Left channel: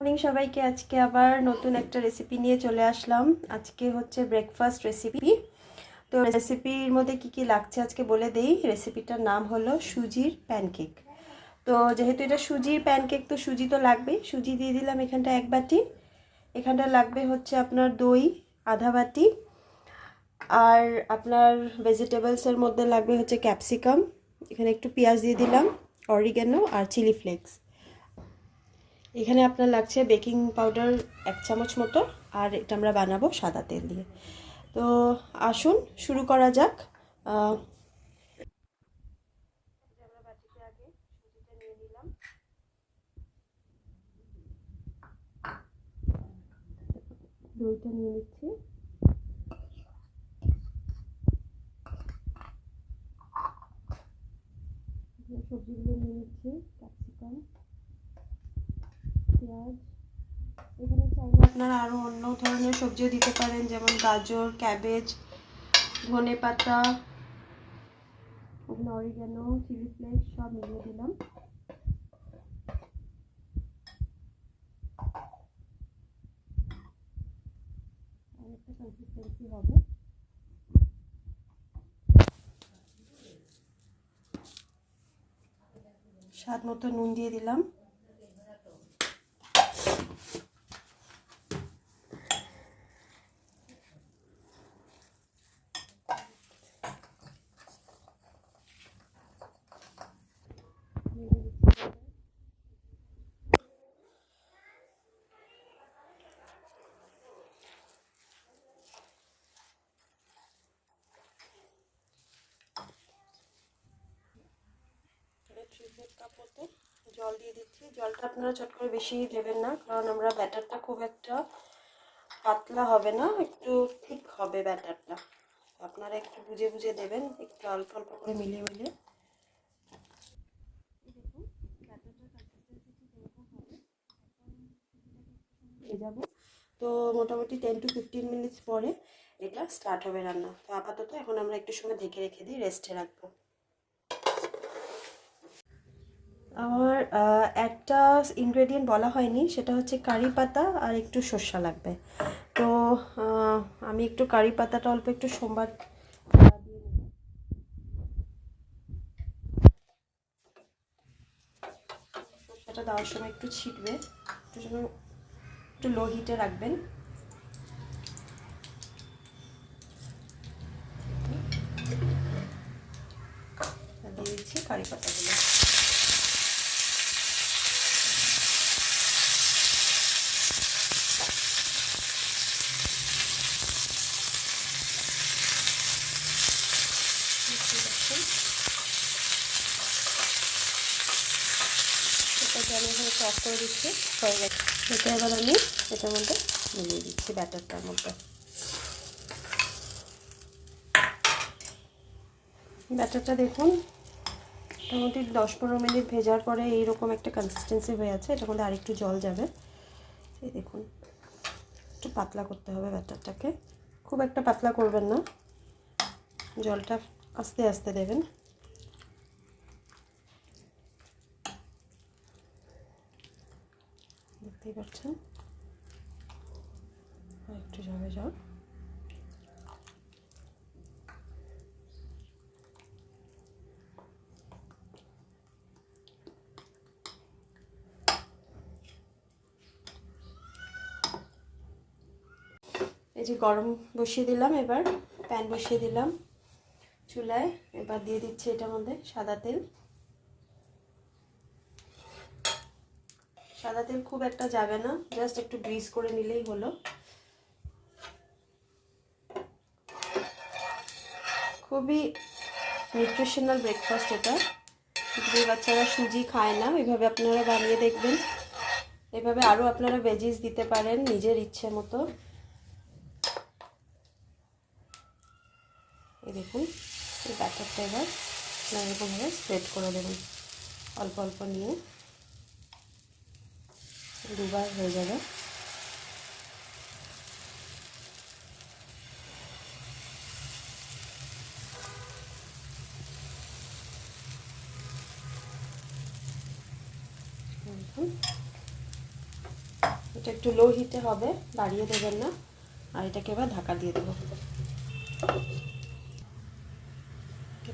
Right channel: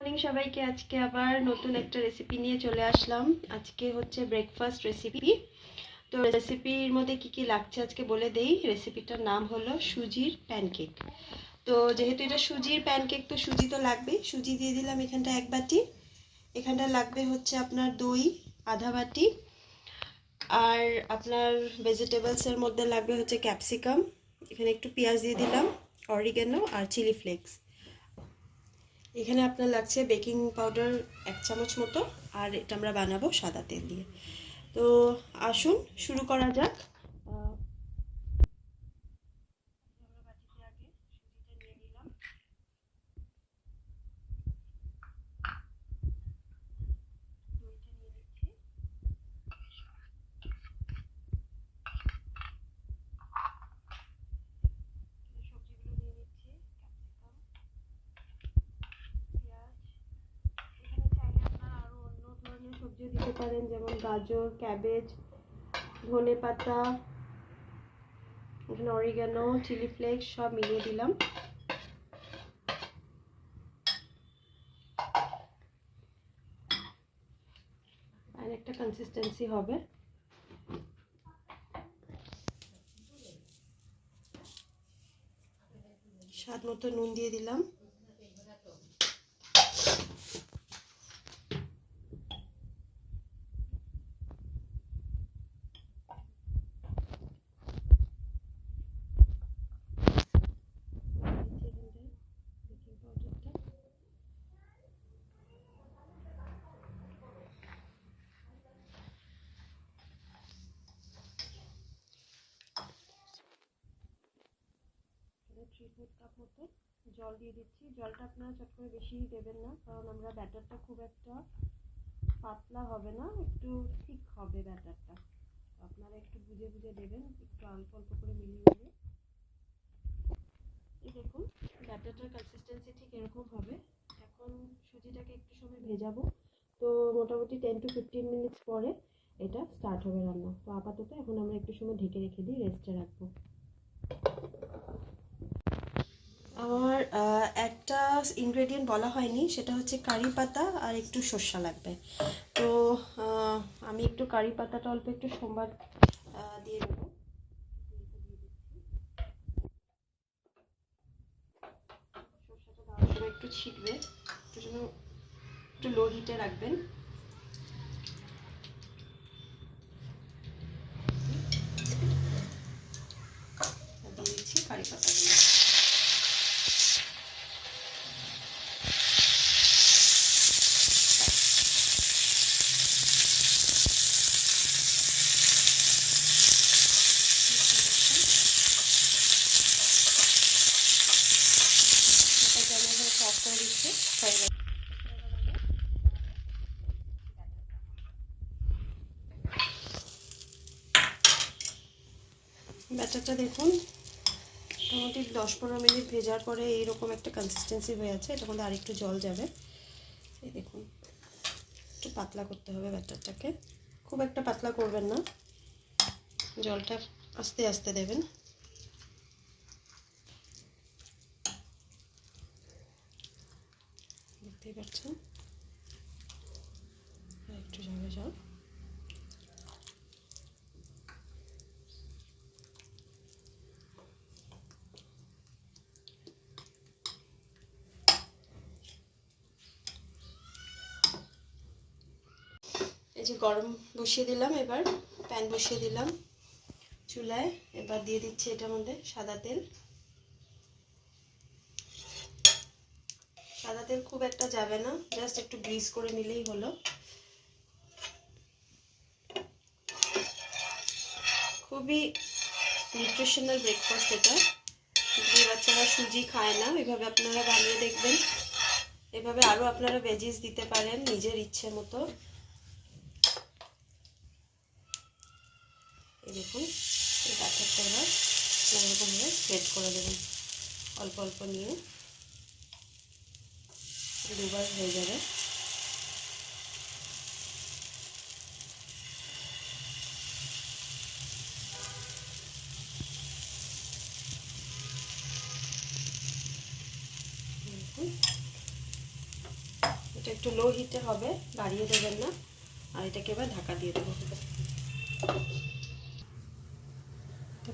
Morning সবাইকে। আজকে আবার নতুন একটা রেসিপি নিয়ে চলে আসলাম। আজকে হচ্ছে ব্রেকফাস্ট রেসিপি। তো রেসিপির মধ্যে কি কি লাগছে আজকে বলে দেই। রেসিপিটার নাম হলো সুজির প্যানকেক। তো যেহেতু এটা সুজির প্যানকেক তো সুজি তো লাগবেই। সুজি দিয়ে দিলাম এখানটা 1 বাটি। এখানটা লাগবে হচ্ছে আপনার দই আধা বাটি, আর আপনার ভেজিটেবলসের মধ্যে লাগবে হচ্ছে ক্যাপসিকাম, এখানে একটু পেঁয়াজ দিয়ে দিলাম, অরিগ্যানো আর চিলি ফ্লেক্স। এখানে আপনার লাগছে বেকিং পাউডার 1 চামচ মতো, আর এটা আমরা বানাবো সাদা তেল দিয়ে। তো আসুন শুরু করা যাক। আমরা বাটিতে আগে সুজিটা নিয়ে নিলাম, দইটা নিয়ে নিচ্ছি, সবজিগুলো নিয়ে নিচ্ছি, ক্যাপসিকাম, পেঁয়াজ। এখানে চাইলে আপনারা আরও অন্য ধরনের সবজিও দিতে পারেন, যেমন গাজর, ক্যাবেজ, ধনে পাতা, এখানে অরিগ্যানো, চিলি ফ্লেক্স সব মিলিয়ে দিলাম। আর একটা কনসিস্টেন্সি হবে। স্বাদ মতো নুন দিয়ে দিলাম। কাপ মতো জল দিয়ে দিচ্ছি। জলটা আপনারা চট করে বেশি দেবেন না, কারণ আমরা ব্যাটারটা খুব একটা পাতলা হবে না, একটু ঠিক হবে ব্যাটারটা। আপনারা একটু বুঝে বুঝে দেবেন, একটু অল্প অল্প করে মিলিয়ে মিলিয়ে। দেখুন ব্যাটারটার কনসিস্টেন্সি ঠিক এরকম হবে। এখন সুজিটাকে একটু সময় ভেজাবো। তো মোটামুটি 10 to 15 মিনিটস পরে এটা স্টার্ট হবে রান্না। তো আপাতত এখন আমরা একটু সময় ঢেকে রেখে দিই, রেস্টে রাখবো। আমার একটা ইনগ্রেডিয়েন্ট বলা হয়নি, সেটা হচ্ছে কারি পাতা আর একটু সর্ষা লাগবে। তো আমি একটু কারি পাতাটা অল্প একটু সোমবার দিয়ে দেবো। সর্ষাটা দেওয়ার সময় একটু ছিটবে, একটু যেন একটু লো হিটে রাখবেন। দিয়ে দিচ্ছি কারি পাতাগুলো। করে দিচ্ছি, হয়ে গেছে। এটা এবার আমি এটার মধ্যে মিলিয়ে দিচ্ছি, ব্যাটারটার মধ্যে। ব্যাটারটা দেখুন মোটামুটি 10-15 মিনিট ভেজার পরে এইরকম একটা কনসিস্টেন্সি হয়ে আছে। এটার মধ্যে আরেকটু জল যাবে। এই দেখুন একটু পাতলা করতে হবে ব্যাটারটাকে, খুব একটা পাতলা করবেন না, জলটা আস্তে আস্তে দেবেন। দেখতেই পাচ্ছেন একটু যাবে জল। এই যে গরম বসিয়ে দিলাম, এবার প্যান বসিয়ে দিলাম চুলায়। এবার দিয়ে দিচ্ছি এটার মধ্যে সাদা তেল। সাদা তেল খুব একটা যাবে না, জাস্ট একটু গ্রিস করে নিলেই হলো। খুবই নিউট্রিশনাল ব্রেকফাস্ট এটা। যে বাচ্চারা সুজি খায় না, এভাবে আপনারা বানিয়ে দেখবেন। এভাবে আরও আপনারা ভেজিস দিতে পারেন নিজের ইচ্ছে মতো। এই দেখুন এই ব্যাটারটা এবার এরকমভাবে স্প্রেড করে দেবেন, অল্প অল্প নিয়ে, দুবার হয়ে যাবে। এটা একটু লো হিটে হবে, বাড়িয়ে দেবেন না। আর এটাকে এবার ঢাকা দিয়ে দেবো।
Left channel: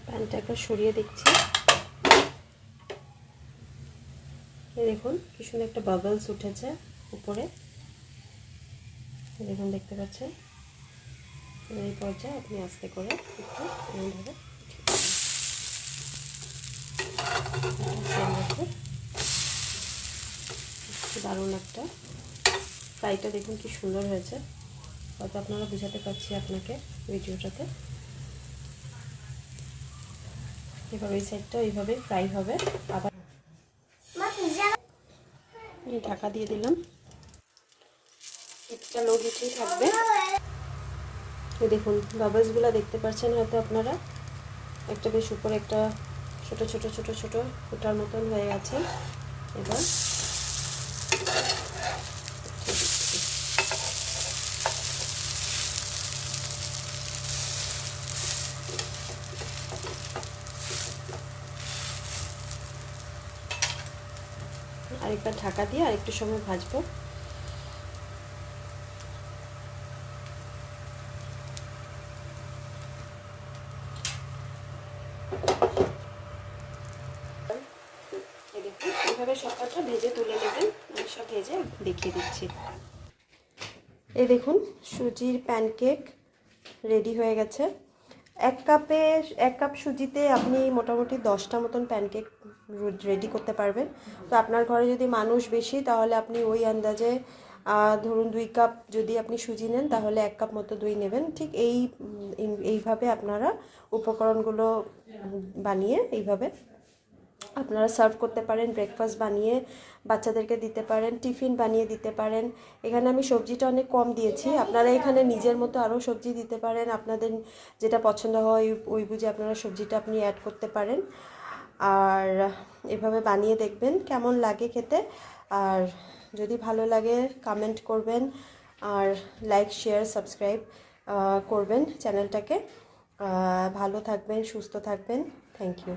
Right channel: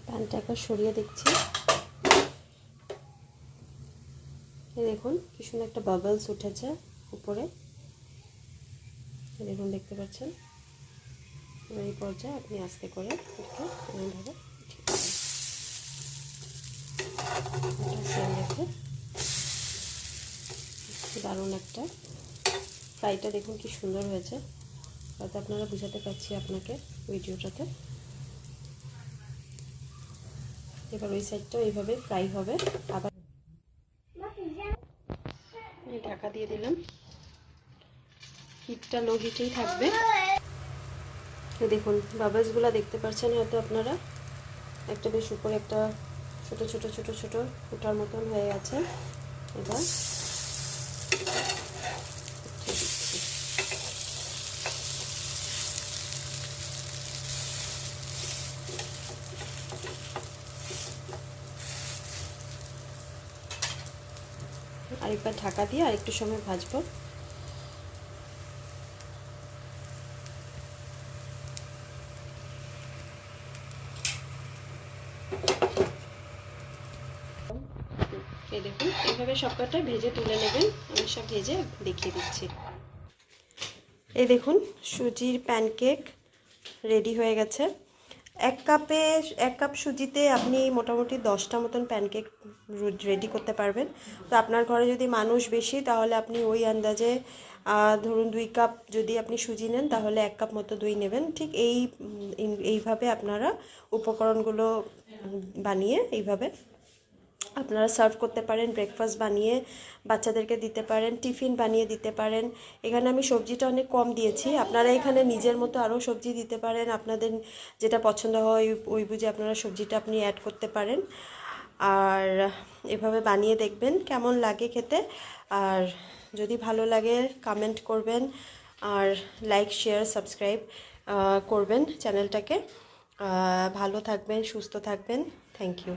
প্যানটাকে সরিয়ে দিচ্ছি। এই দেখুন কি সুন্দর একটা বাবলস উঠেছে উপরে, দেখুন দেখতে পাচ্ছেন। এই পর্যায়ে আপনি আস্তে করে একটু এমনভাবে দারুণ একটা ফ্রাইটা দেখুন কি সুন্দর হয়েছে। হয়তো আপনারা বুঝাতে পারছি আপনাকে ভিডিওটাতে। এভাবে এই সাইডটা এইভাবে ফ্রাই হবে। আবার ঢাকা দিয়ে দিলাম, হিটটা লো হিটেই থাকবে। এই দেখুন বাবলসগুলো দেখতে পাচ্ছেন হয়তো আপনারা, একটা বেশ উপরে একটা ছোট ছোট ছোট ছোট ফুটার মতন হয়ে আছে। এবার আরেকবার ঢাকা দিয়ে আরেকটু সময় ভাজবো। এই দেখুন এইভাবে সবকটা ভেজে তুলে নেবেন। আমি সব ভেজে দেখিয়ে দিচ্ছি। এই দেখুন সুজির প্যানকেক রেডি হয়ে গেছে। এক কাপ সুজিতে আপনি মোটামুটি 10টা মতন প্যানকেক রেডি করতে পারবেন। তো আপনার ঘরে যদি মানুষ বেশি তাহলে আপনি ওই আন্দাজে ধরুন 2 কাপ যদি আপনি সুজি নেন তাহলে 1 কাপ মতো দই নেবেন। ঠিক এইভাবে আপনারা উপকরণগুলো বানিয়ে এইভাবে আপনারা সার্ভ করতে পারেন। ব্রেকফাস্ট বানিয়ে বাচ্চাদেরকে দিতে পারেন, টিফিন বানিয়ে দিতে পারেন। এখানে আমি সবজিটা অনেক কম দিয়েছি, আপনারা এখানে নিজের মতো আরও সবজি দিতে পারেন। আপনাদের যেটা পছন্দ হয় ওই বুঝে আপনারা সবজিটা আপনি অ্যাড করতে পারেন। আর এভাবে বানিয়ে দেখবেন কেমন লাগে খেতে। আর যদি ভালো লাগে কমেন্ট করবেন, আর লাইক শেয়ার সাবস্ক্রাইব করবেন চ্যানেলটাকে। ভালো থাকবেন, সুস্থ থাকবেন। Thank you.